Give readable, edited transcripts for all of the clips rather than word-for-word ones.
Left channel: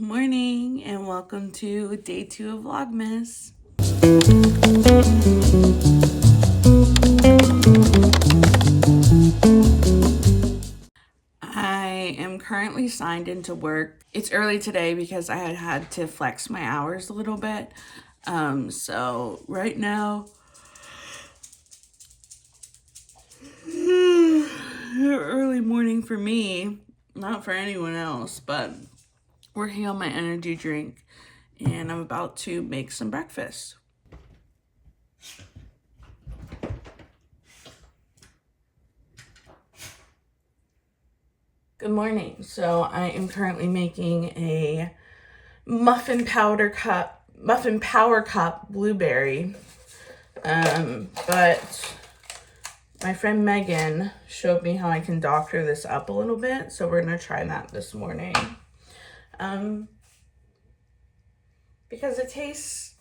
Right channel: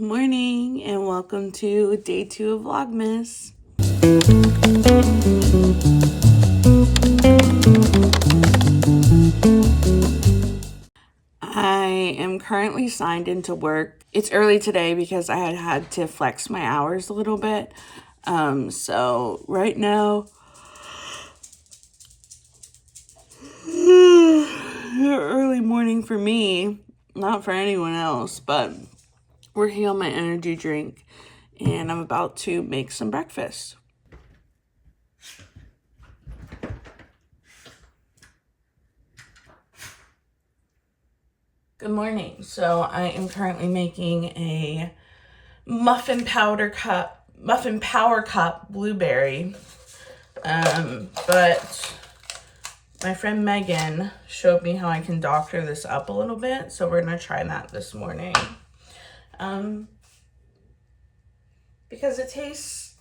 morning and welcome to day 2 of Vlogmas. I am currently signed into work. It's early today because I had to flex my hours a little bit. So right now, early morning for me, not for anyone else, but working on my energy drink, and I'm about to make some breakfast. Good morning. So I am currently making a muffin power cup blueberry. But my friend Megan showed me how I can doctor this up a little bit, so we're gonna try that this morning. Because it tastes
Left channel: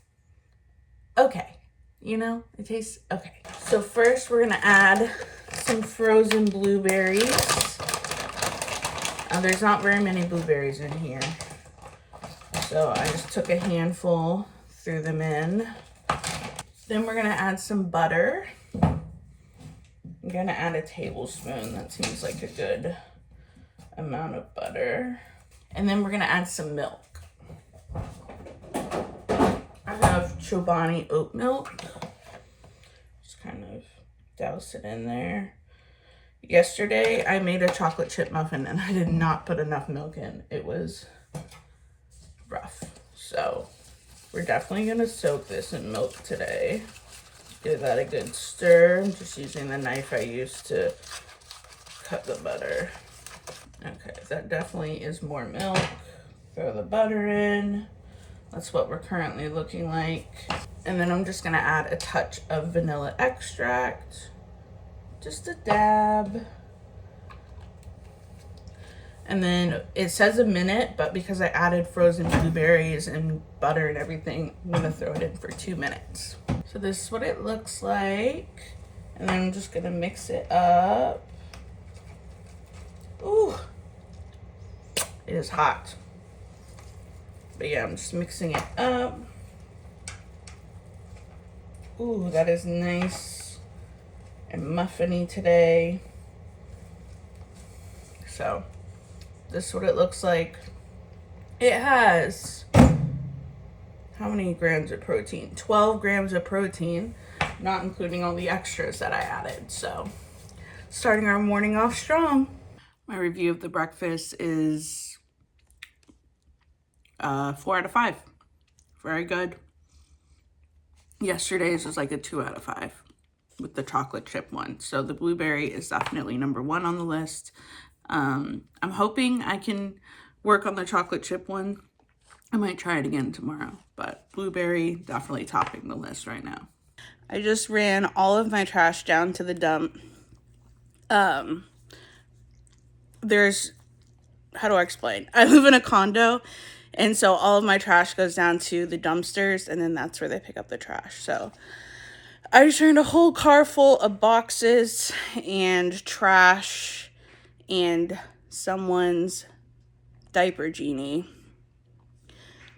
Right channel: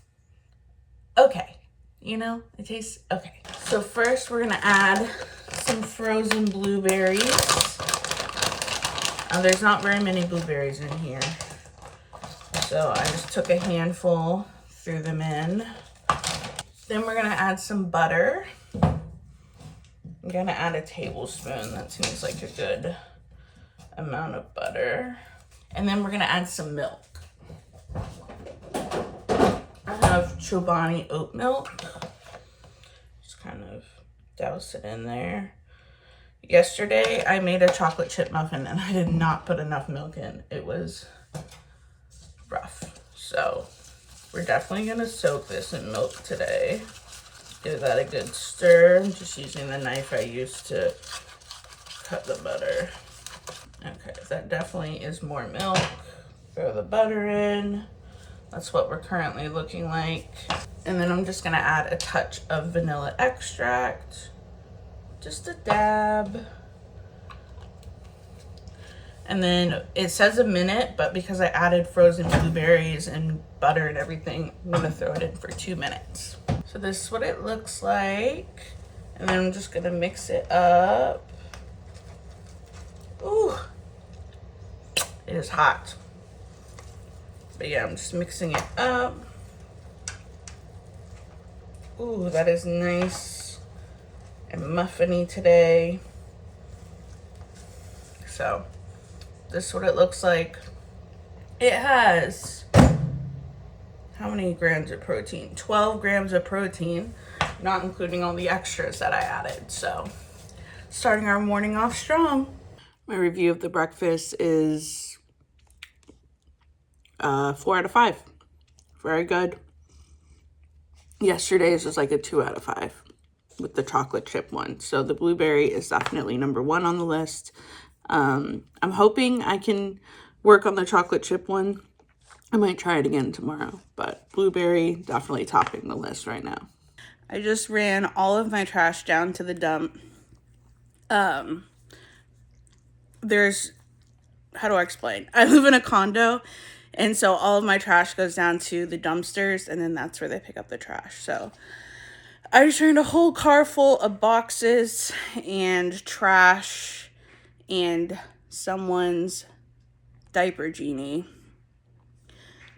okay, it tastes okay. So first we're gonna add some frozen blueberries. There's not very many blueberries in here, so I just took a handful, threw them in. Then we're gonna add some butter. I'm gonna add a tablespoon. That seems like a good amount of butter. And then we're gonna add some milk. I have Chobani oat milk. Just kind of douse it in there. Yesterday I made a chocolate chip muffin and I did not put enough milk in. It was rough. So we're definitely gonna soak this in milk today. Give that a good stir. I'm just using the knife I used to cut the butter. Okay, that definitely is more milk. Throw the butter in. That's what we're currently looking like. And then I'm just gonna add a touch of vanilla extract. Just a dab. And then it says a minute, but because I added frozen blueberries and butter and everything, I'm gonna throw it in for 2 minutes. So this is what it looks like. And then I'm just gonna mix it up. Ooh, it is hot. But yeah, I'm just mixing it up. Ooh, that is nice and muffiny today. So this is what it looks like. It has, how many grams of protein? 12 grams of protein, not including all the extras that I added. So starting our morning off strong. My review of the breakfast is 4 out of 5. Very good. Yesterday's was like a 2 out of 5 with the chocolate chip one. So the blueberry is definitely number 1 on the list. I'm hoping I can work on the chocolate chip one. I might try it again tomorrow, but blueberry definitely topping the list right now. I just ran all of my trash down to the dump. There's, how do I explain? I live in a condo, and so all of my trash goes down to the dumpsters, and then that's where they pick up the trash. So I just ran a whole car full of boxes and trash and someone's diaper genie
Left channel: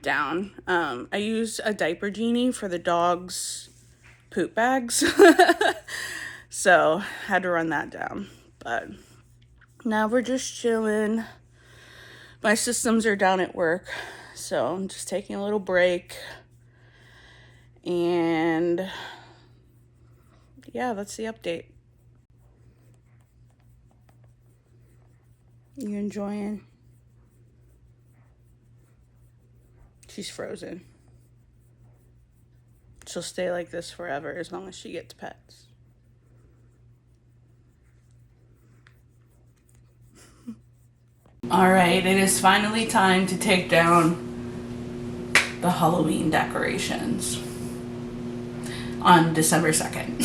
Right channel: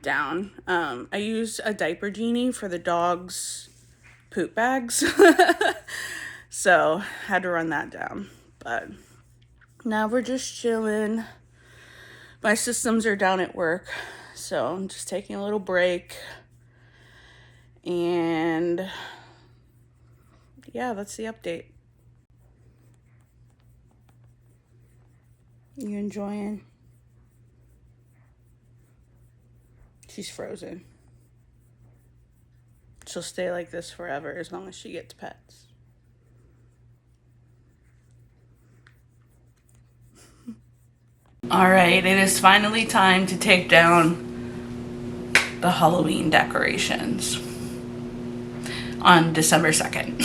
down. I used a diaper genie for the dog's poop bags. So had to run that down. But now we're just chilling. My systems are down at work, so I'm just taking a little break. And yeah, that's the update. You enjoying? She's frozen. She'll stay like this forever as long as she gets pets. All right, it is finally time to take down the Halloween decorations on December 2nd.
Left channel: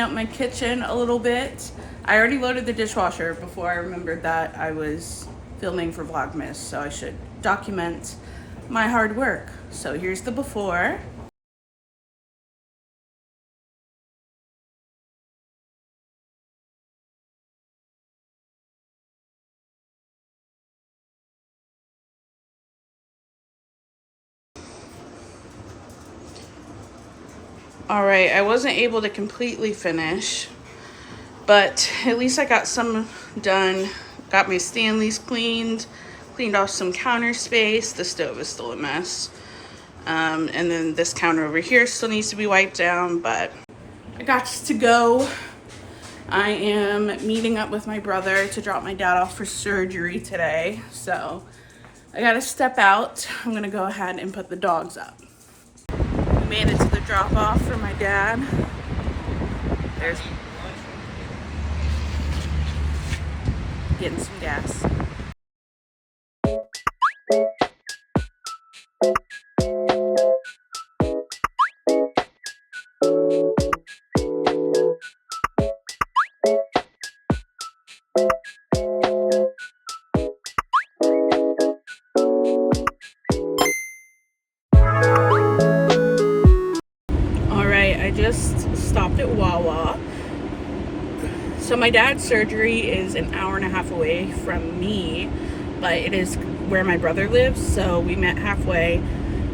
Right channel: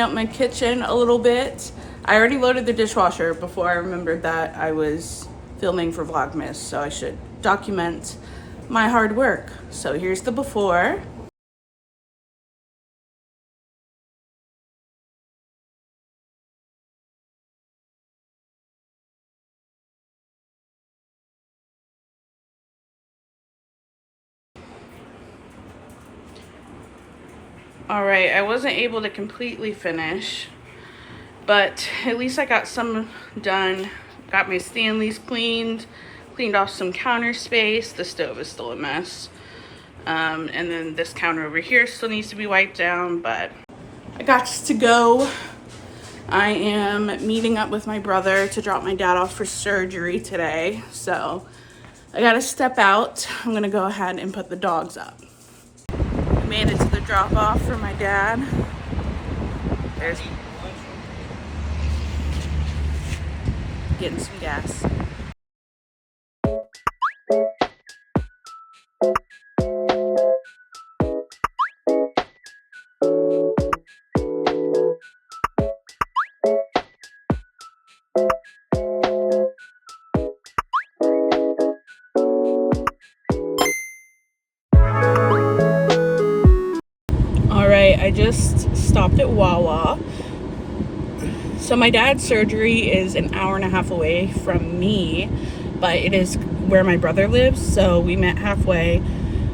up my kitchen a little bit. I already loaded the dishwasher before I remembered that I was filming for Vlogmas, so I should document my hard work. So here's the before. All right, I wasn't able to completely finish, but at least I got some done. Got my Stanleys cleaned off some counter space. The stove is still a mess. And then this counter over here still needs to be wiped down, but I got to go. I am meeting up with my brother to drop my dad off for surgery today. So I gotta step out. I'm gonna go ahead and put the dogs up. Made it to the drop off for my dad. There's getting some gas. I just stopped at Wawa. So my dad's surgery is an hour and a half away from me, but it is where my brother lives, so we met halfway.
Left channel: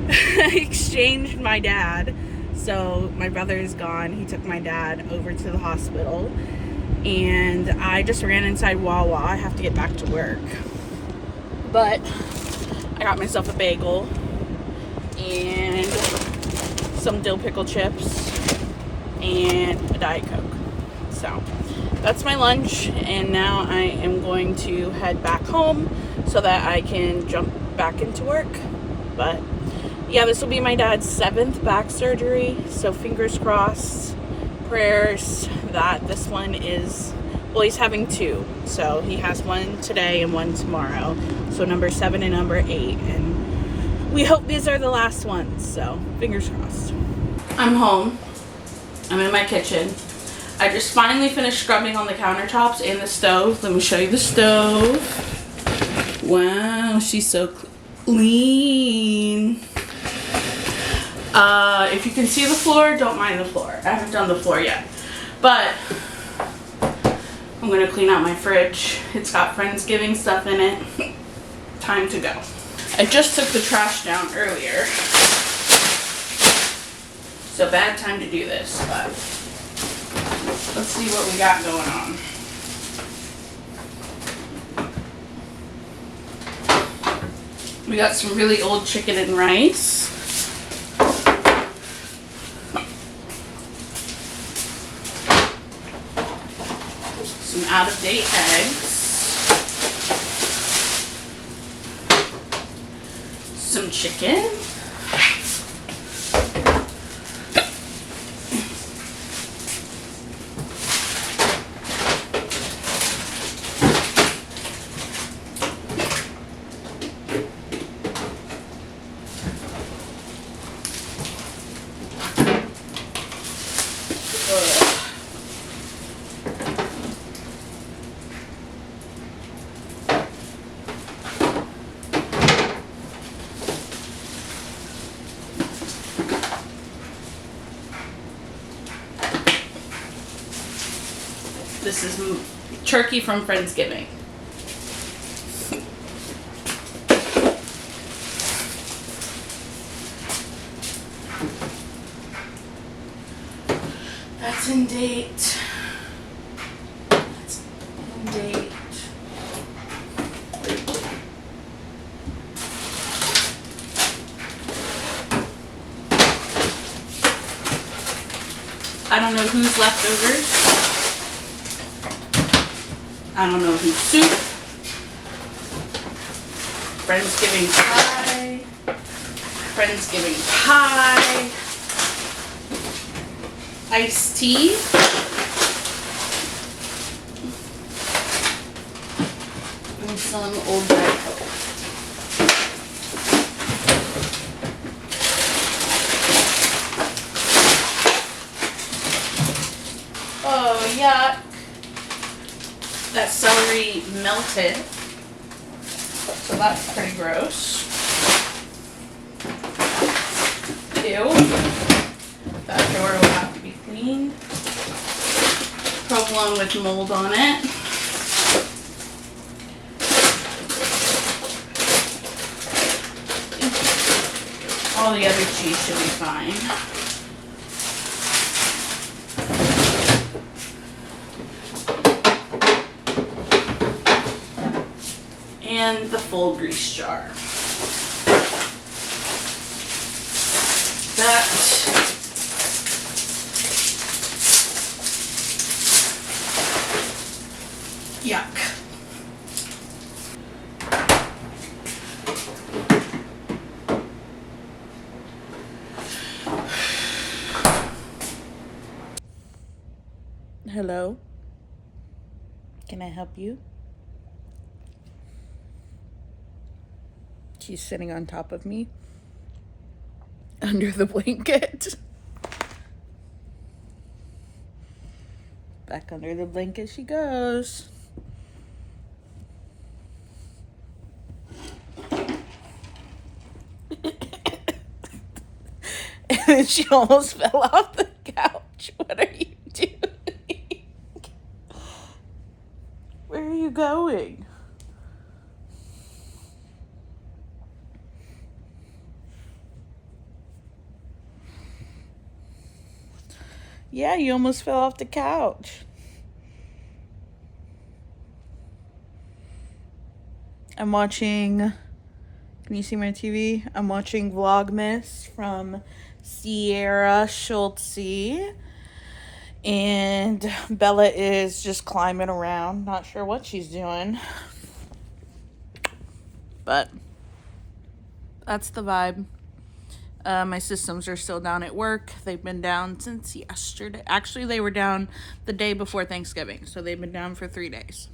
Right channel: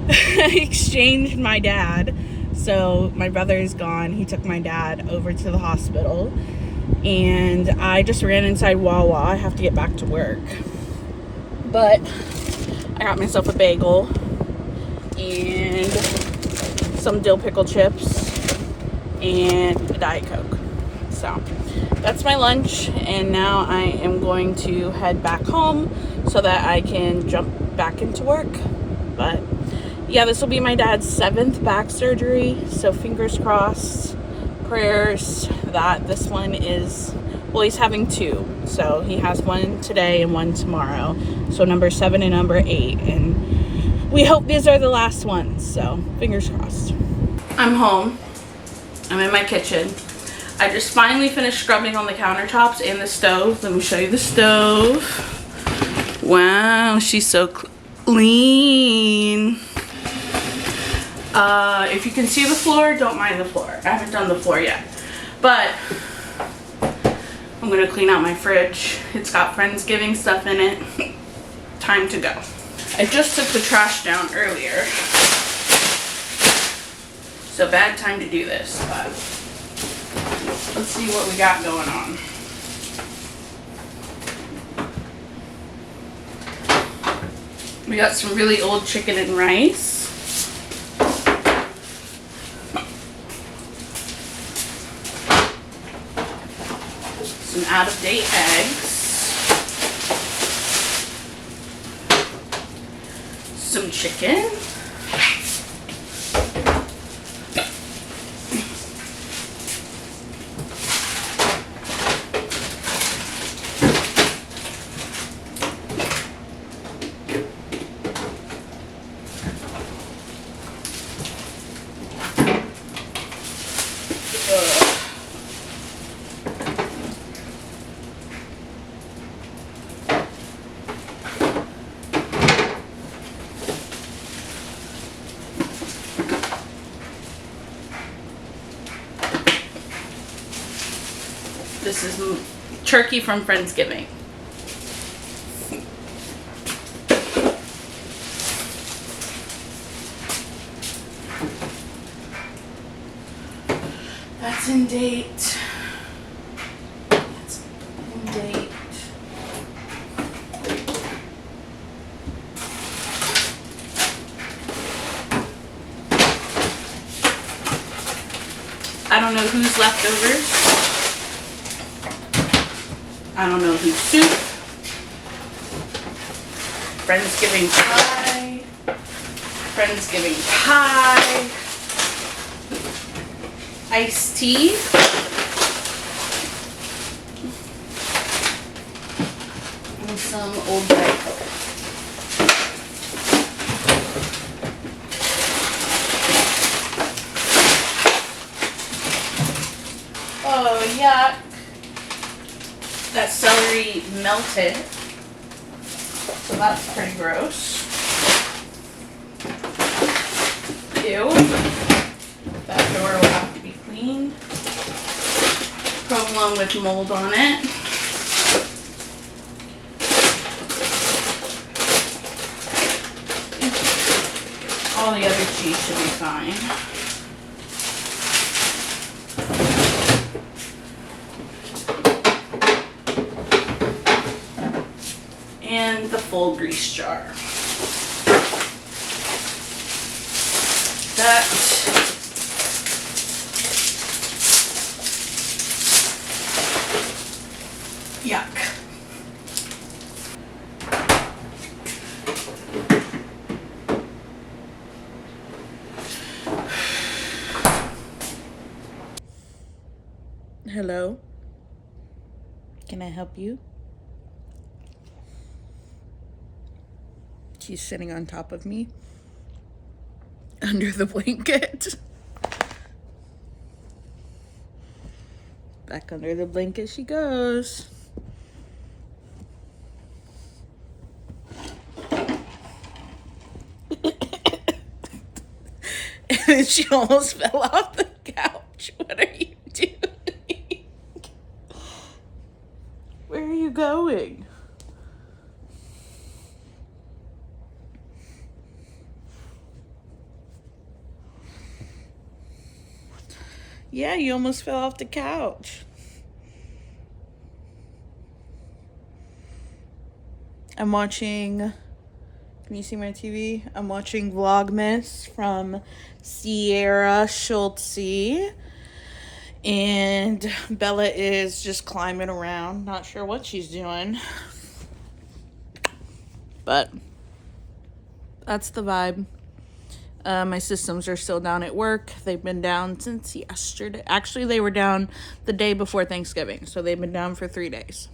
Exchanged my dad. So my brother is gone. He took my dad over to the hospital, and I just ran inside Wawa. I have to get back to work, but I got myself a bagel and some dill pickle chips and a Diet Coke. So that's my lunch, and now I am going to head back home so that I can jump back into work. But yeah, this will be my dad's 7th back surgery, so fingers crossed, prayers that this one is, well, he's having 2, so he has one today and one tomorrow, so number 7 and number 8, and we hope these are the last ones, so fingers crossed. I'm home. I'm in my kitchen. I just finally finished scrubbing on the countertops and the stove. Let me show you the stove. Wow, she's so clean. If you can see the floor, don't mind the floor. I haven't done the floor yet, but I'm gonna clean out my fridge. It's got Friendsgiving stuff in it. Time to go. I just took the trash down earlier, so bad time to do this, but let's see what we got going on. We got some really old chicken and rice. Some out-of-date eggs. Some chicken. This is turkey from Friendsgiving. That's in date. That's in date. I don't know whose leftovers. I don't know whose soup. Friendsgiving pie. Friendsgiving pie. Iced tea. And some old Diet Coke. Yuck. That celery melted. So that's pretty gross. Ew. That door will have to be cleaned. Provolone with mold on it. All the other cheese should be fine. And the full grease jar. That yuck. Hello. Can I help you? She's sitting on top of me under the blanket. Back under the blanket she goes. And she almost fell off the couch. What are you doing? Where are you going? Yeah, you almost fell off the couch. I'm watching, can you see my TV? I'm watching Vlogmas from Sierra Schultze. And Bella is just climbing around. Not sure what she's doing. But that's the vibe. My systems are still down at work. They've been down since yesterday. Actually, they were down the day before Thanksgiving. So they've been down for 3 days.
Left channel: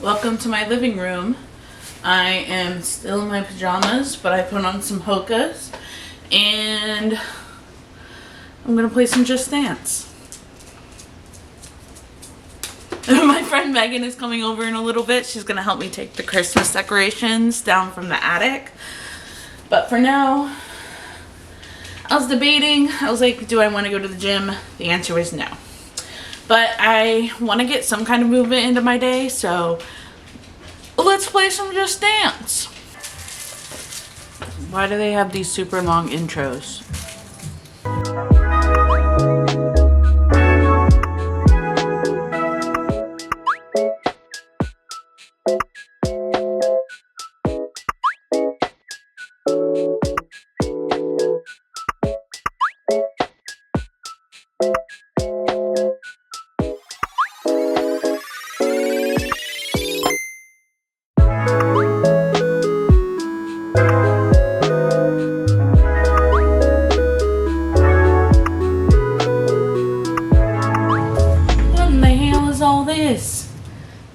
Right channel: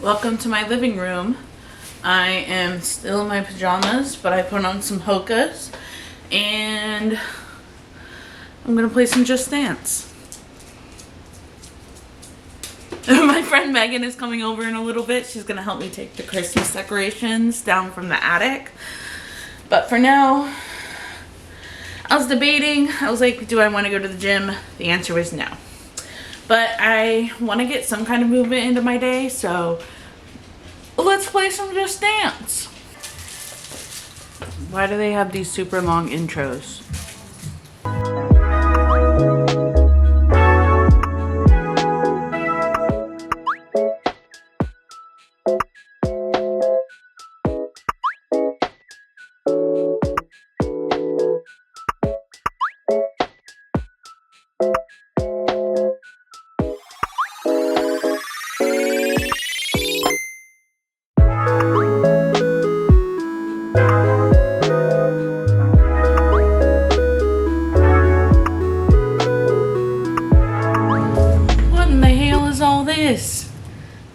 Welcome to my living room. I am still in my pajamas, but I put on some Hokas. And I'm going to play some Just Dance. My friend Megan is coming over in a little bit. She's going to help me take the Christmas decorations down from the attic. But for now, I was debating. I was like, do I want to go to the gym? The answer was no. But I want to get some kind of movement into my day, so let's play some Just Dance. Why do they have these super long intros?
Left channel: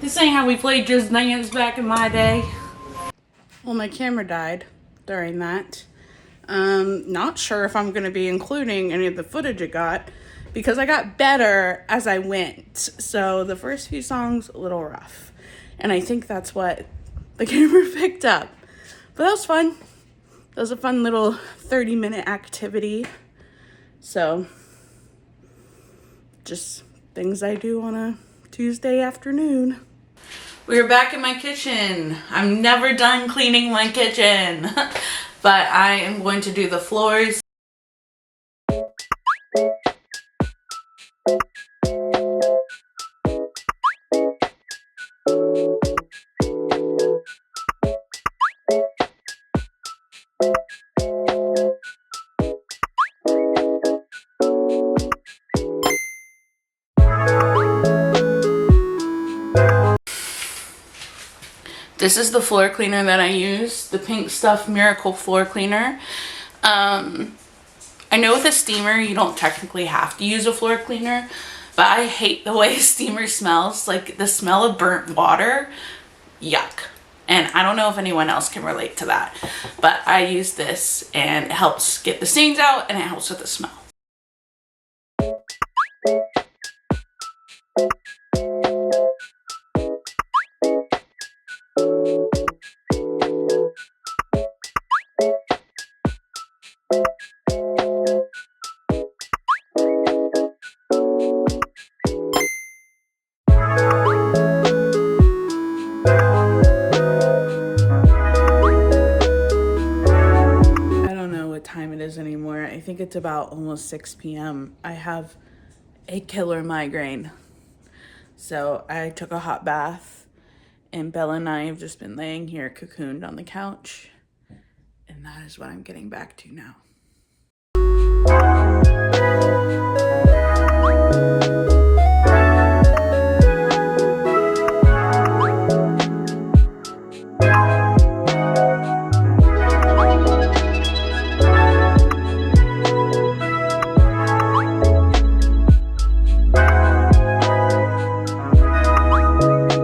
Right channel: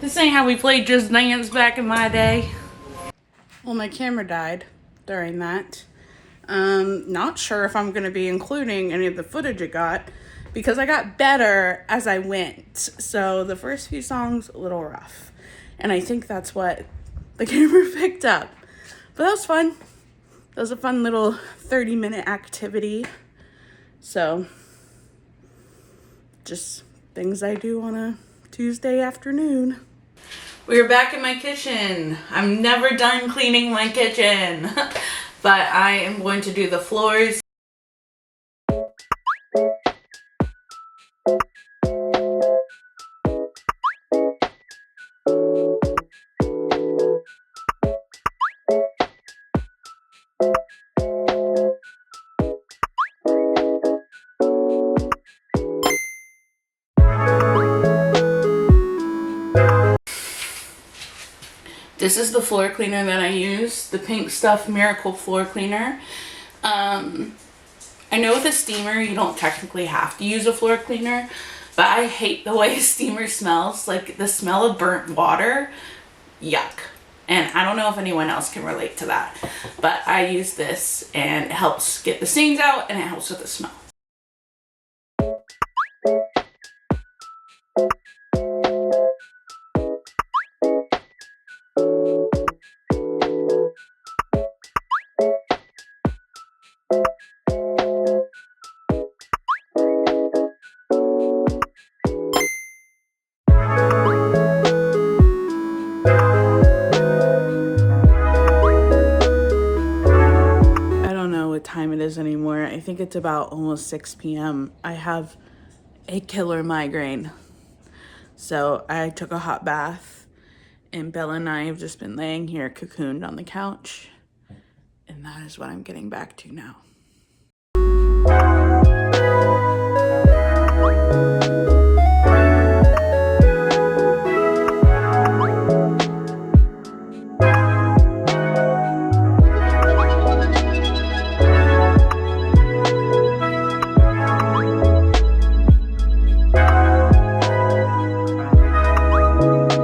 This ain't how we played Just Dance back in my day. Well, my camera died during that. Not sure if I'm going to be including any of the footage it got because I got better as I went. So the first few songs, a little rough. And I think that's what the camera picked up. But that was fun. That was a fun little 30-minute activity. So just things I do on a Tuesday afternoon. We're back in my kitchen. I'm never done cleaning my kitchen, but I am going to do the floors. This is the floor cleaner that I use, the Pink Stuff Miracle Floor Cleaner. I know with a steamer, you don't technically have to use a floor cleaner, but I hate the way a steamer smells. Like the smell of burnt water, yuck. And I don't know if anyone else can relate to that, but I use this and it helps get the stains out and it helps with the smell. think it's about almost 6 p.m. I have a killer migraine. So I took a hot bath, and Bella and I have just been laying here cocooned on the couch. And that is what I'm getting back to now.